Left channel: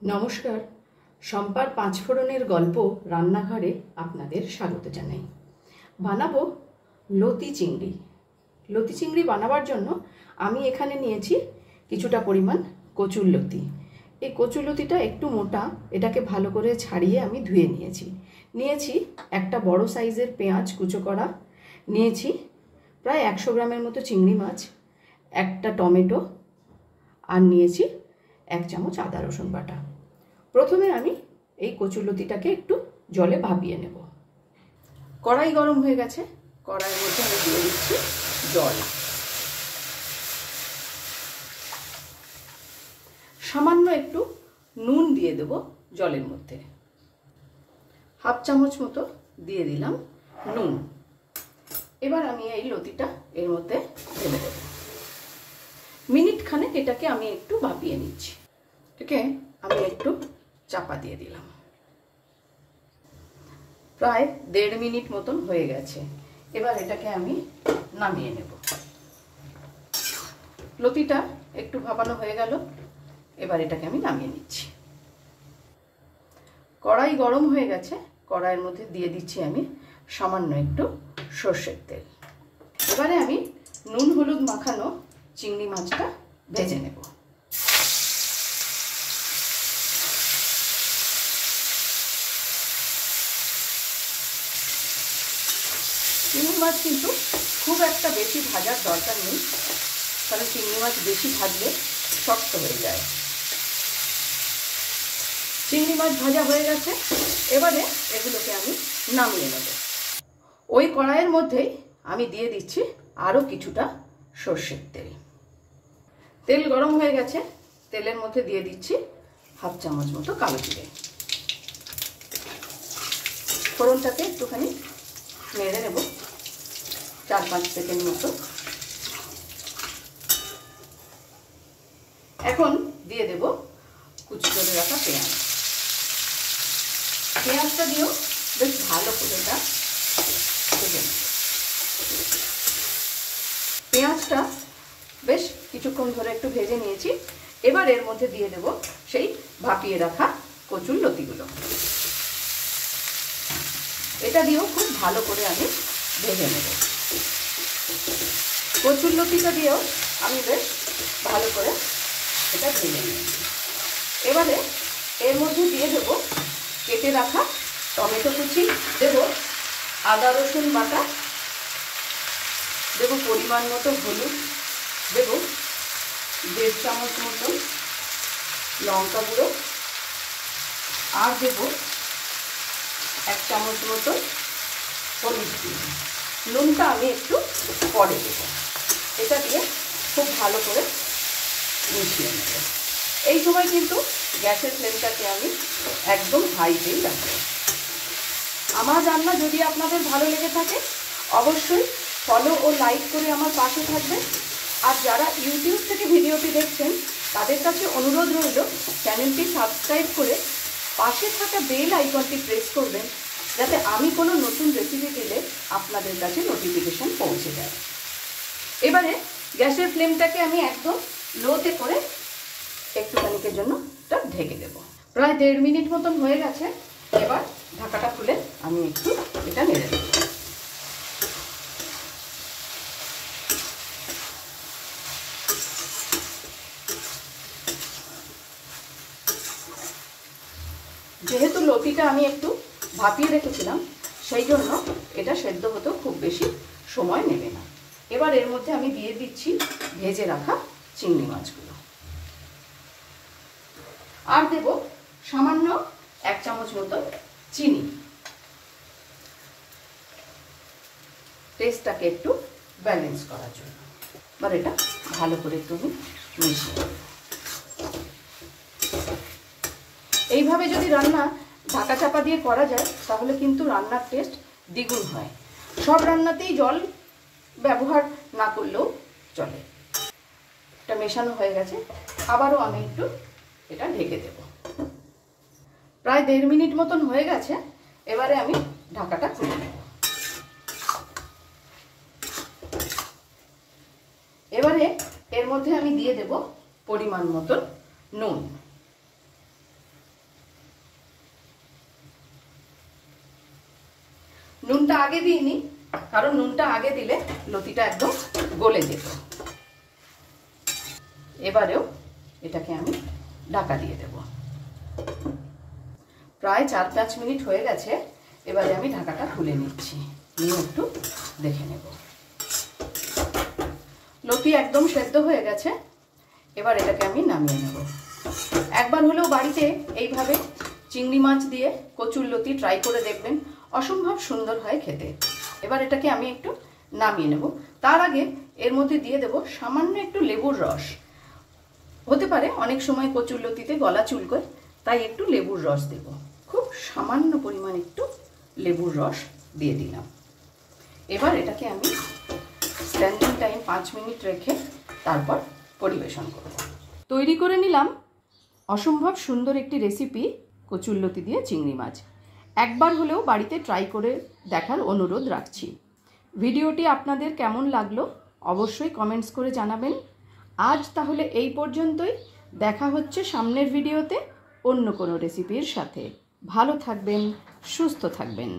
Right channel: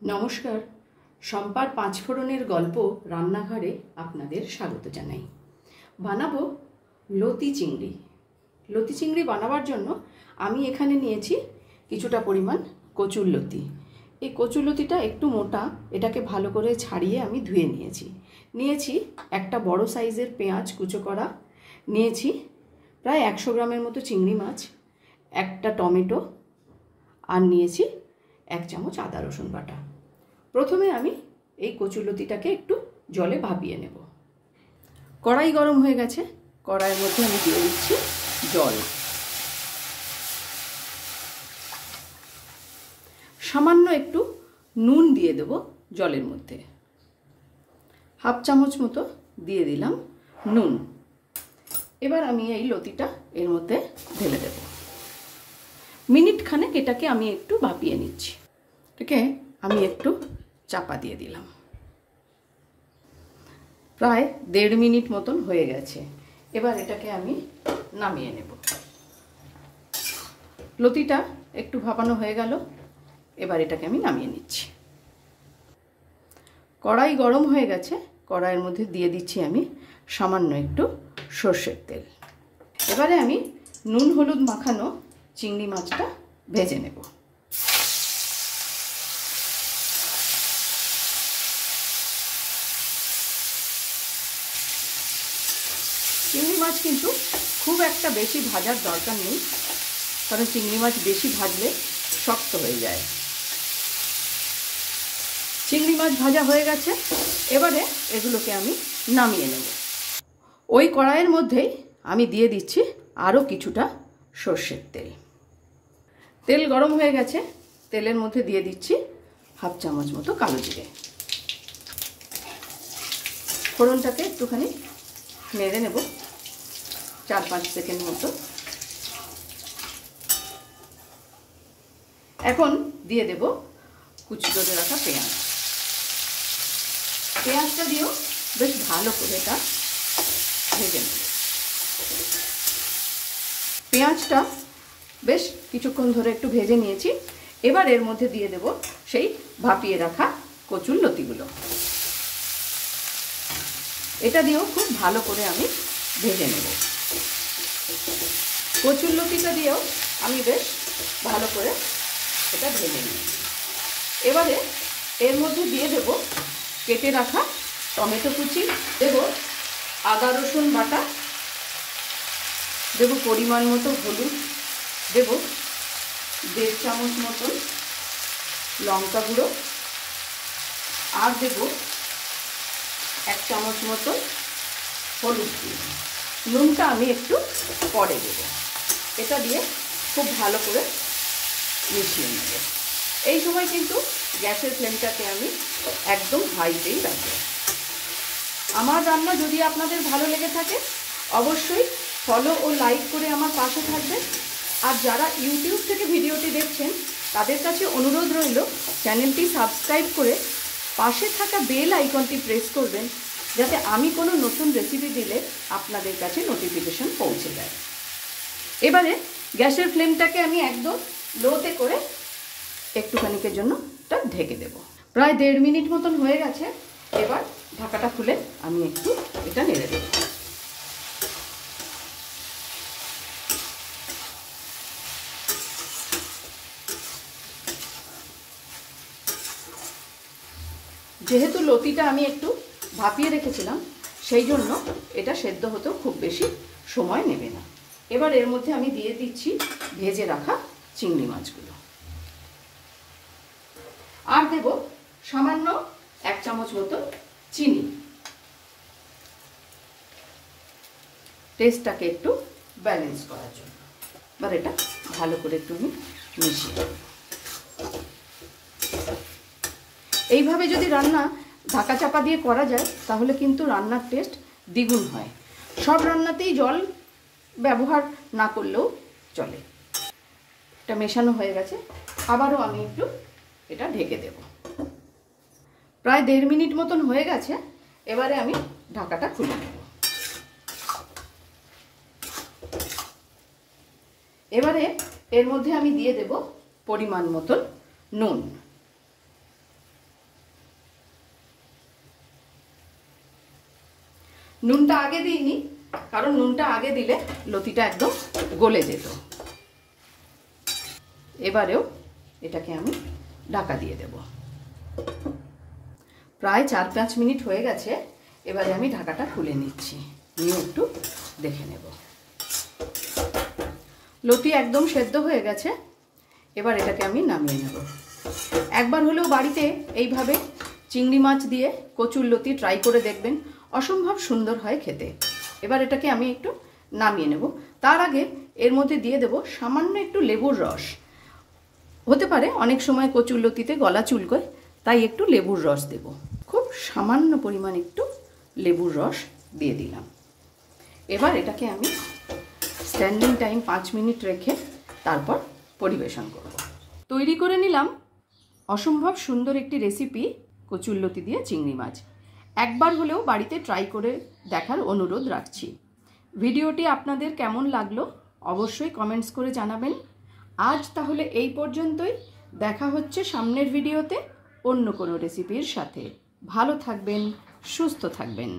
নমস্কার, শম্পার পাঁচফোড়নের গল্প রান্নাঘরে আপনাদের স্বাগত জানাই। বানাবো লতি চিংড়ি। লতি চিংড়ি বানাবার জন্য আমি এখানে নিয়েছি কিছুটা পরিমাণ কচুর লতি। এই কচুর লতিটা একটু মোটা, এটাকে ভালো করে ছাড়িয়ে আমি ধুয়ে নিয়েছি একটা বড় সাইজের পেঁয়াজ কুচো করা, নিয়েছি প্রায় 100 গ্রামের মতো চিংড়ি মাছ, একটা টমেটো, আর নিয়েছি 1 চামচ আদা রসুন বাটা। প্রথমে আমি এই কচুরলতিটাকে একটু জলে ভাপিয়ে নেব। কড়াই গরম হয়ে গেছে, কড়াইয়ের মধ্যে আমি দিয়ে দিচ্ছি জল। সামান্য একটু নুন দিয়ে দেব জলের মধ্যে, 1/2 চামচ মতো দিয়ে দিলাম নুন। এবার আমি এই লতিটা এর মধ্যে ঢেলে দেব। মিনিট খানেক এটাকে আমি একটু ভাপিয়ে নিচ্ছি। এটাকে আমি একটু চাপা দিয়ে দিলাম। প্রায় 1.5 মিনিট মতন হয়ে গেছে। এবার এটাকে আমি নামিয়ে নেব। লতিটা একটু ভাপানো হয়ে গেল, এবার এটাকে আমি নামিয়ে নিচ্ছি। কড়াই গরম হয়ে গেছে, কড়াইয়ের মধ্যে দিয়ে দিচ্ছি আমি সামান্য একটু সর্ষের তেল। এবারে আমি নুন হলুদ মাখানো চিংড়ি মাছটা ভেজে নেব। চিংড়ি মাছ কিন্তু খুব একটা বেশি ভাজার দরকার নেই, কারণ চিংড়ি মাছ বেশি ভাজলে শক্ত হয়ে যায়। চিংড়ি মাছ ভাজা হয়ে গেছে, এবারে এগুলোকে আমি নামিয়ে নেব। ওই কড়াইয়ের মধ্যেই আমি দিয়ে দিচ্ছি আরও কিছুটা সর্ষের তেল। তেল গরম হয়ে গেছে, তেলের মধ্যে দিয়ে দিচ্ছি 1/2 চামচ মতো কালো জিরে। ফোড়নটাকে একটুখানি নেড়ে নেব 4-5 সেকেন্ড মতো। এখন দিয়ে দেব কুচি করে রাখা পেঁয়াজ। পেঁয়াজটা দিয়েও বেশ ভালো করে এটা ভেজে নেব। পেঁয়াজটা বেশ কিছুক্ষণ ধরে একটু ভেজে নিয়েছি। এবার এর মধ্যে দিয়ে দেব সেই ভাপিয়ে রাখা কচুর লতিগুলো। এটা দিয়েও খুব ভালো করে আমি ভেজে নেব। কচুর লতিটা দিয়েও আমি বেশ ভালো করে এটা ভেজে নেব। এবারে এর মধ্যে দিয়ে দেব কেটে রাখা টমেটো কুচি, দেব আদা রসুন বাটা, দেব পরিমাণ মতো হলুদ, দেব 1.5 চামচ মতো লঙ্কা গুঁড়ো, আর দেব 1 চামচ মতো হলুদ গুঁড়ো। নুনটা আমি একটু পরে দেব। এটা দিয়ে খুব ভালো করে মিশিয়ে নেব। এই সময় কিন্তু গ্যাসের ফ্লেমটাকে আমি একদম হাইতেই রাখবো। আমার রান্না যদি আপনাদের ভালো লেগে থাকে অবশ্যই ফলো ও লাইক করে আমার পাশে থাকবেন। আর যারা ইউটিউব থেকে ভিডিওটি দেখছেন তাদের কাছে অনুরোধ রইল চ্যানেলটি সাবস্ক্রাইব করে পাশে থাকা বেল আইকনটি প্রেস করবেন, যাতে আমি কোনো নতুন রেসিপি দিলে আপনাদের কাছে নোটিফিকেশন পৌঁছে যায়। এবারে গ্যাসের ফ্লেমটাকে আমি একদম লোতে করে একটুখানিকের জন্য এটা ঢেকে দেব। প্রায় 1.5 মিনিট মতন হয়ে গেছে। এবার ঢাকাটা খুলে আমি একটু এটা নেড়ে দেব। যেহেতু লতিটা আমি একটু ভাপিয়ে রেখেছিলাম, সেই জন্য এটা সেদ্ধ হতেও খুব বেশি সময় নেবে না। এবার এর মধ্যে আমি দিয়ে দিচ্ছি ভেজে রাখা চিংড়ি মাছগুলো, আর দেব সামান্য 1 চামচ মতো চিনি, টেস্টটাকে একটু ব্যালেন্স করার জন্য। এবার এটা ভালো করে একটু আমি মিশিয়ে দেব। এইভাবে যদি রান্না ঢাকা চাপা দিয়ে করা যায় তাহলে কিন্তু রান্নার টেস্ট দ্বিগুণ হয়। সব রান্নাতেই জল ব্যবহার না করলেও চলে। এটা মেশানো হয়ে গেছে, আবারও আমি একটু এটা ঢেকে দেব। প্রায় 1.5 মিনিট মতন হয়ে গেছে। এবারে আমি ঢাকাটা খুলে নেব। এবারে এর মধ্যে আমি দিয়ে দেব পরিমাণ মতন নুন। নুনটা আগে দিইনি, কারণ নুনটা আগে দিলে লতিটা একদম গলে যেত। এবারেও এটাকে আমি ঢাকা দিয়ে দেব। প্রায় 4-5 মিনিট হয়ে গেছে। এবারে আমি ঢাকাটা খুলে নিচ্ছি, নিয়ে একটু দেখে নেব। লতি একদম সেদ্ধ হয়ে গেছে। এবার এটাকে আমি নামিয়ে নেব। একবার হলেও বাড়িতে এইভাবে চিংড়ি মাছ দিয়ে কচুর লতি ট্রাই করে দেখবেন, অসম্ভব সুন্দর হয় খেতে। এবার এটাকে আমি একটু নামিয়ে নেব। তার আগে এর মধ্যে দিয়ে দেব সামান্য একটু লেবুর রস। হতে পারে অনেক সময় কচুর লতিতে গলা চুলকোয়, তাই একটু লেবুর রস দেব। খুব সামান্য পরিমাণ একটু লেবুর রস দিয়ে দিলাম। এবার এটাকে আমি স্ট্যান্ডিং টাইম 5 মিনিট রেখে তারপর পরিবেশন করব। তৈরি করে নিলাম অসম্ভব সুন্দর একটি রেসিপি, কচুর লতি দিয়ে চিংড়ি মাছ। একবার হলেও বাড়িতে ট্রাই করে দেখার অনুরোধ রাখছি। ভিডিওটি আপনাদের কেমন লাগলো অবশ্যই কমেন্টস করে জানাবেন। আজ তাহলে এই পর্যন্তই। দেখা হচ্ছে সামনের ভিডিওতে অন্য কোনো রেসিপির সাথে। ভালো থাকবেন, সুস্থ থাকবেন।